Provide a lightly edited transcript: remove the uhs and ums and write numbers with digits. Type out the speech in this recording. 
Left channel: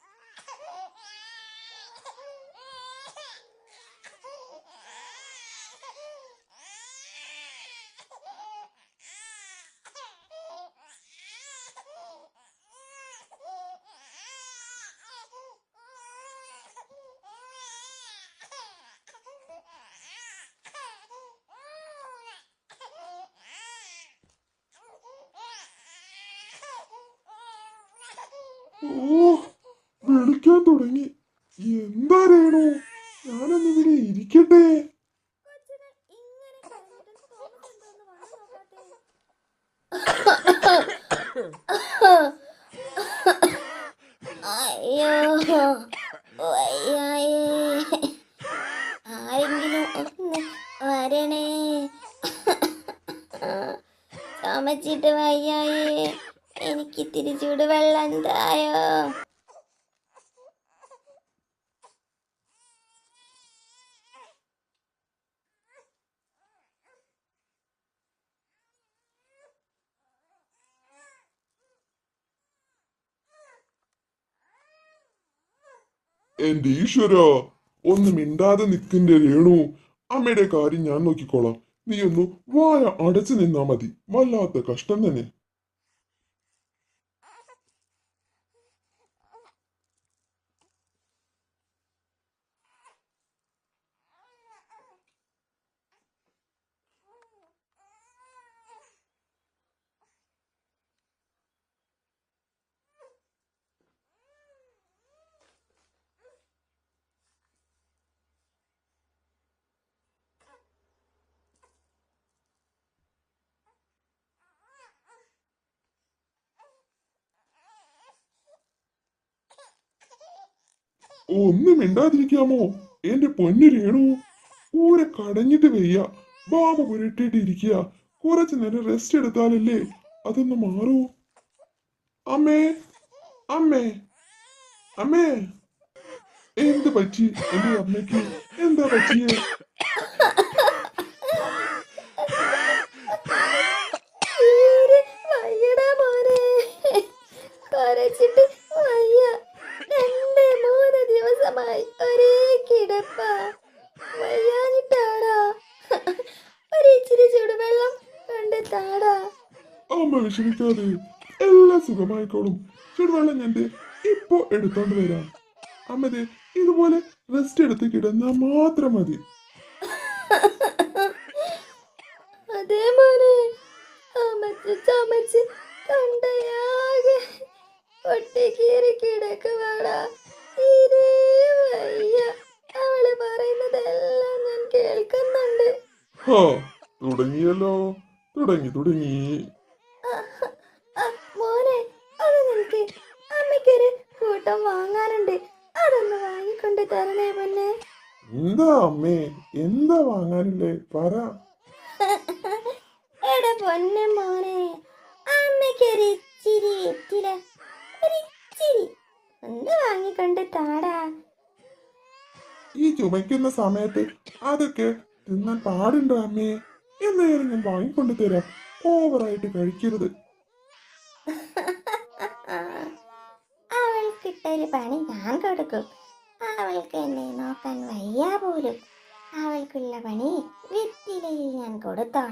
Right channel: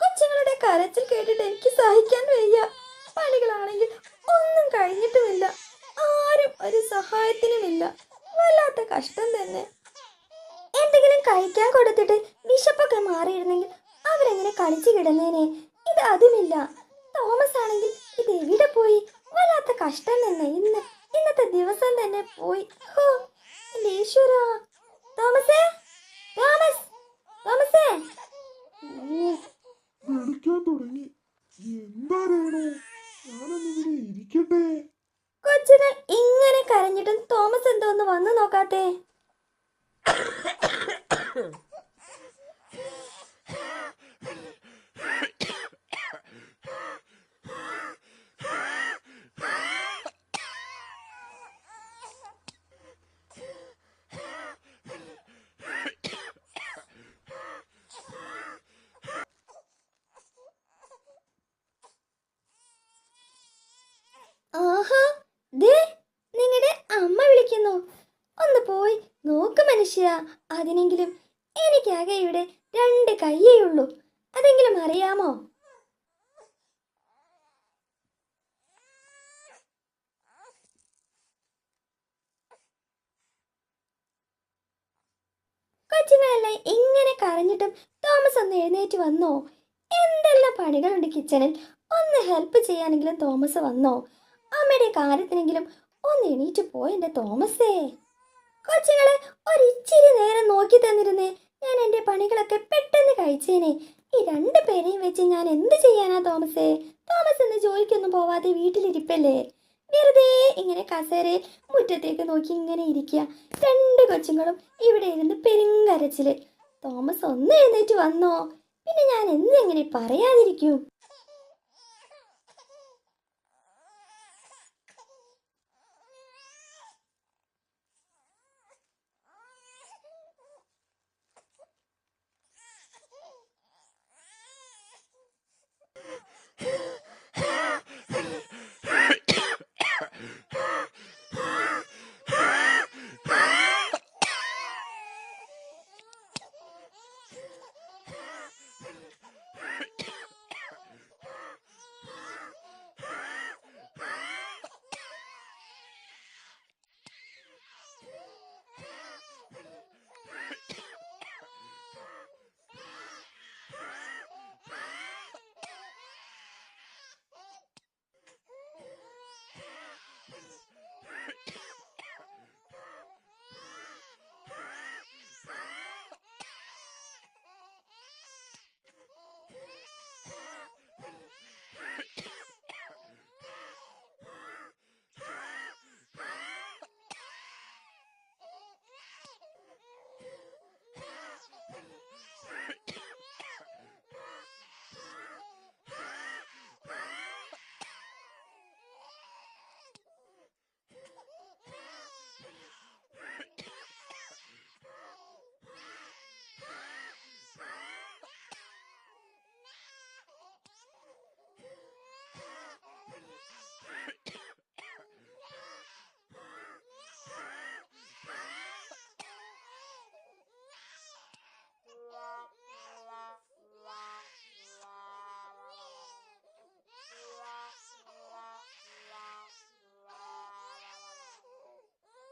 കൊച്ചുങ്ങളുടെ കരച്ചിൽ കേട്ടിട്ട് എനിക്ക് സഹിക്കാൻ വയ്യ. പണികളാണെങ്കിൽ ഒന്നും കഴിഞ്ഞിട്ടുമില്ല. ആരും ഒരു സഹായത്തിനുമില്ല. വല്ലാത്ത കഷ്ടം തന്നെ. എന്തെങ്കിലും കഴിക്കാൻ കൊടുത്തിട്ട് വിശപ്പൊക്കെ മാറിയിരുന്നെങ്കിൽ അവരെങ്ങനെ കളിച്ചു കിടന്നേനെ. ഇത് അതുമില്ല. തോമസ് ആണെങ്കിൽ ഇത് എവിടെ പോയി? വല്ലാത്ത കഷ്ടം തന്നെ. ഇന്നത്തെ ദിവസം തന്നെ പോയി. ഈശ്വരാ. തോമസേ, തോമസ്, തോമസേ. വിളിക്കാൻ തുടങ്ങി. എന്താ രേണു, ഞാനൊന്നിവിടെ ഇരിക്കട്ടെ. കൊച്ചുങ്ങൾ ഇങ്ങനെ കരഞ്ഞിട്ടും തോമസ് എന്തോന്ന് വന്നു നോക്കാത്തേ? അയ്യോ, ആരെങ്കിലും ഒന്ന് വരണേ. ചുമച്ചിട്ട് വയ്യായേ. എനിക്ക് ഇത്തിരി ചൂടുവെള്ളം തായോ. ആഹാ, ദേ നിങ്ങളുടെ അമ്മ വിളിക്കുന്നു. ഒന്ന് പോയി നോക്ക് മനുഷ്യ. അതിനെങ്കിലും എനിക്കാകെ ഇവിടെ 2 കയ്യേ ഉള്ളൂ. അതെങ്കിലും അറിയാമോ? എന്റെ ഈശ്വര, ഒന്ന് മിണ്ടാതെ നിൽക്കിന്റെ രേണു. അമ്മയുടെ കാര്യം ഞാൻ നോക്കിക്കോളാം. നീ ഒന്ന് വായ അടച്ചു നിന്നാ മതി. വല്ലാത്ത കഷ്ടം തന്നെ. കൊച്ചുങ്ങളെല്ലാം ഇങ്ങനെ കരഞ്ഞിട്ടും തോമസ് ഒന്ന് എഴുന്നേറ്റ് വന്നോ? എന്തെല്ലാം പണികളുണ്ട് കിച്ചണിൽ. ഒന്ന് ഹെൽപ്പ് ചെയ്യാനെങ്കിലും തോമസ് വന്നോ? അമ്മയുടെ കാര്യത്തിനെങ്കിലും ഒന്ന് എണീറ്റ് പോയെന്റെ തോമസേ. കൊച്ചുങ്ങളെ ഒരിച്ചിരി നേരം നോക്കി തന്നിരുന്നേ, ഞാൻ എൻ്റെ പണികളൊക്കെ പെട്ടെന്ന് കഴിച്ചേനെ. ഈ 2 പേരെയും വെച്ച് ഞാൻ എന്ത് ചെയ്യാനാ തോമസേ? തോമസ് എന്ന് ജോലിക്കൊന്നും പോവാതെ വീട്ടിലിരിപ്പല്ലേ? വെറുതെ ഇങ്ങനെ കസേരയിൽ മുറ്റത്തേക്ക് നോക്കി ഇങ്ങനെ ഇരിക്കുക. 2 കൊച്ചുങ്ങളും ഇവിടെ ഇരുന്ന് പെരുങ്കരച്ചില്. തോമസ് ഒന്ന് എഴുന്നേറ്റ് വന്നോ? പിന്നെ ഞാൻ എങ്ങനെ പറയാതിരിക്കും? ഒന്ന് മിണ്ടാതിരിക്കാമോ എന്റെ പൊന്നു രേണു? ഊരെ കടഞ്ഞിട്ട് വയ്യ. ബാബ പുരട്ടിട്ട് ഇരിക്കുക. കുറച്ചു നേരം റെസ്റ്റ് എടുത്താലല്ലേ അതൊന്ന് മാറൂ. അമ്മേ, അമ്മേ, അമ്മേ. എന്ത് പറ്റി എന്റെ അമ്മയ്ക്ക്? എന്താ പറ്റിയേ? ദിവസമായി ഒരേ കിടപ്പ. ഒരിച്ചിരി ചൂടുവെള്ളം കൊണ്ട് താടാ. അമ്മ വിഷമിക്കാതെ, എല്ലാം സുഖമായിക്കോളും. ചുടുവെള്ളം ഞാൻ ഇപ്പൊ എടുത്തോണ്ട് വരാം. അമ്മതെ ഇതുപോലെ റെസ്റ്റ് എടുത്ത് കിടന്നാ മാത്രം മതി. അതേ മോനെ, ചമച്ച് ചമച്ച് തൊണ്ടയാകെ ഒട്ടിക്കീറി കിടക്കുവാടാ. തീരെ വയ്യ. അവള് പറയുന്നതെല്ലാം ഞാൻ കേൾക്കുന്നുണ്ട്. തുടങ്ങിയല്ലോ, തുടങ്ങി. മോനെ, അത് നിനക്ക് അമ്മയ്ക്കൊരു കൂട്ടം വാങ്ങാനുണ്ട്. അതൊന്ന് വാങ്ങിക്കൊണ്ട് തരണേ പൊന്നെ. എന്താ അമ്മേ, എന്താ വാങ്ങാനില്ലേ? പറ. എടാ പൊന്നെ മോനെ, അമ്മയ്ക്കൊരു ഇച്ചിരി ഒന്ന് വാങ്ങിക്കൊണ്ട് താടാ. ഈ ചുമയ്ക്കുന്ന സമയത്ത് അതൊക്കെ തിന്നാൻ പാടുണ്ടോ അമ്മേ? എന്നാലും ഞാൻ വാങ്ങിക്കൊണ്ട് തരാം. ഓവറായിട്ട് കഴിക്കരുത്. അവൾക്കിട്ടൊരു പണി ഞാൻ കൊടുക്കും. അവൾക്ക് എന്നെ നോക്കാൻ വയ്യ പോലും. അവൾക്കുള്ള പണി വെറ്റിലയിൽ ഞാൻ കൊടുത്തോളാം.